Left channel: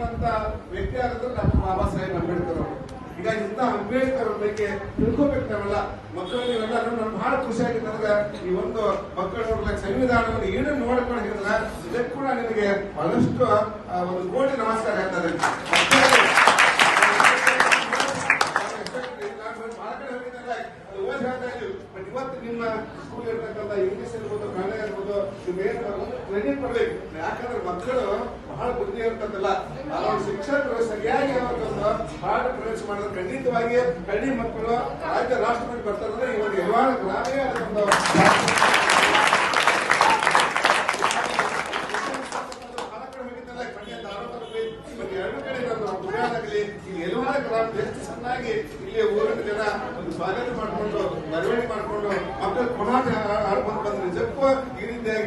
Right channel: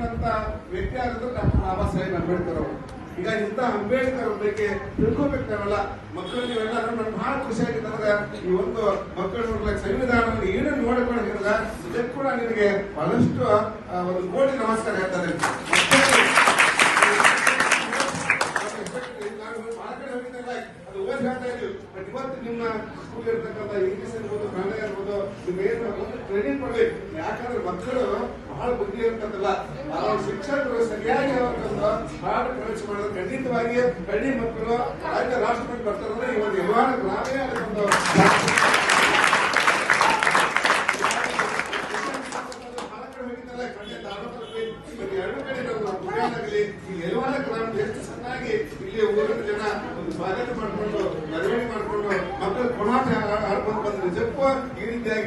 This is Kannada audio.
ಅನ್ನುವಂತ ವ್ಯಕ್ತಿ ಆಗಿದ್ರು ಡಾಕ್ಟರ್ ಬಾಬಾ ಸಾಹೇಬ್ ಅಂಬೇಡ್ಕರ್ ಅವರು. ಈಗ ಇಂಥ ಅಂಬೇಡ್ಕರ್ ಅವ್ರ ಬಗ್ಗೆ ತಿಳ್ಕೊಬೇಕು ನಾವೆಲ್ಲ. ಮಕ್ಕಳು, ನೀವೆಲ್ಲರೂ ನಮ್ಗೆ ಬಹಳ ಖುಷಿಯಾಗಿತ್ತು ಅಂದ್ರೆ ಈ ಒಂದು ಮಕ್ಕಳ ಸಂವಿಧಾನದಲ್ಲಿ ಏನು ನೋಡ್ಕೊಂಡಿರಲ್ಲ ಇದಕ್ಕೆ ಕೂಡ ನಿಮಗೆ ಬಹಳಷ್ಟು ಒಂದು ಕೋಟಿ ನಮಸ್ಕಾರ ಹೇಳ್ತಾರೆ ಇವತ್ತು ನಿಮ್ಮ ಸ್ಕೂಲ್ ಇರ್ತಕ್ಕಂಥ ಇಂಗ್ಲಿಷ್ ಇರ್ಬೋದು ಒಂದು ಟ್ರೈನಿಂಗ್ ಯಾಕಂದ್ರೆ ಮಕ್ಕಳು ಬಹಳ ಬುದ್ಧಿ ಇರ್ತದಲ್ಲ. ಅವ್ರ ಶಿಕ್ಷಕರು ಸರಿಯಾಗಿ ಅವ್ರಿಗೊಂದು ಬಹಳ ಪ್ರವೇಶ ಮಾಡೋದು ಖಂಡಿತವಾಗಿ ಹಳ್ಳಿ ಮಕ್ಕಳು ರಾಜ್ಯ ರಾಷ್ಟ್ರಪತಿ ಬರ್ತಾರೆ ಈ ಒಂದು ವ್ಯವಹಾರ ಗ್ರಾಮೀಣ ಎಲ್ಲವನ್ನ ಗ್ರಾಮ ಎಷ್ಟು ಚೆನ್ನಾಗಿ ಇಲ್ಲಿ ಊರಿನ ಜನ ಒಂದು ಸ್ವಾಗತ ಮಾಡಿಕೊಂಡು ಪುನಃ ಆಡ್ಕೊಂಡು ಬಂದ್ರೆ ನಿಜಕ್ಕೂ ಈ ರೀತಿಯಾಗಿ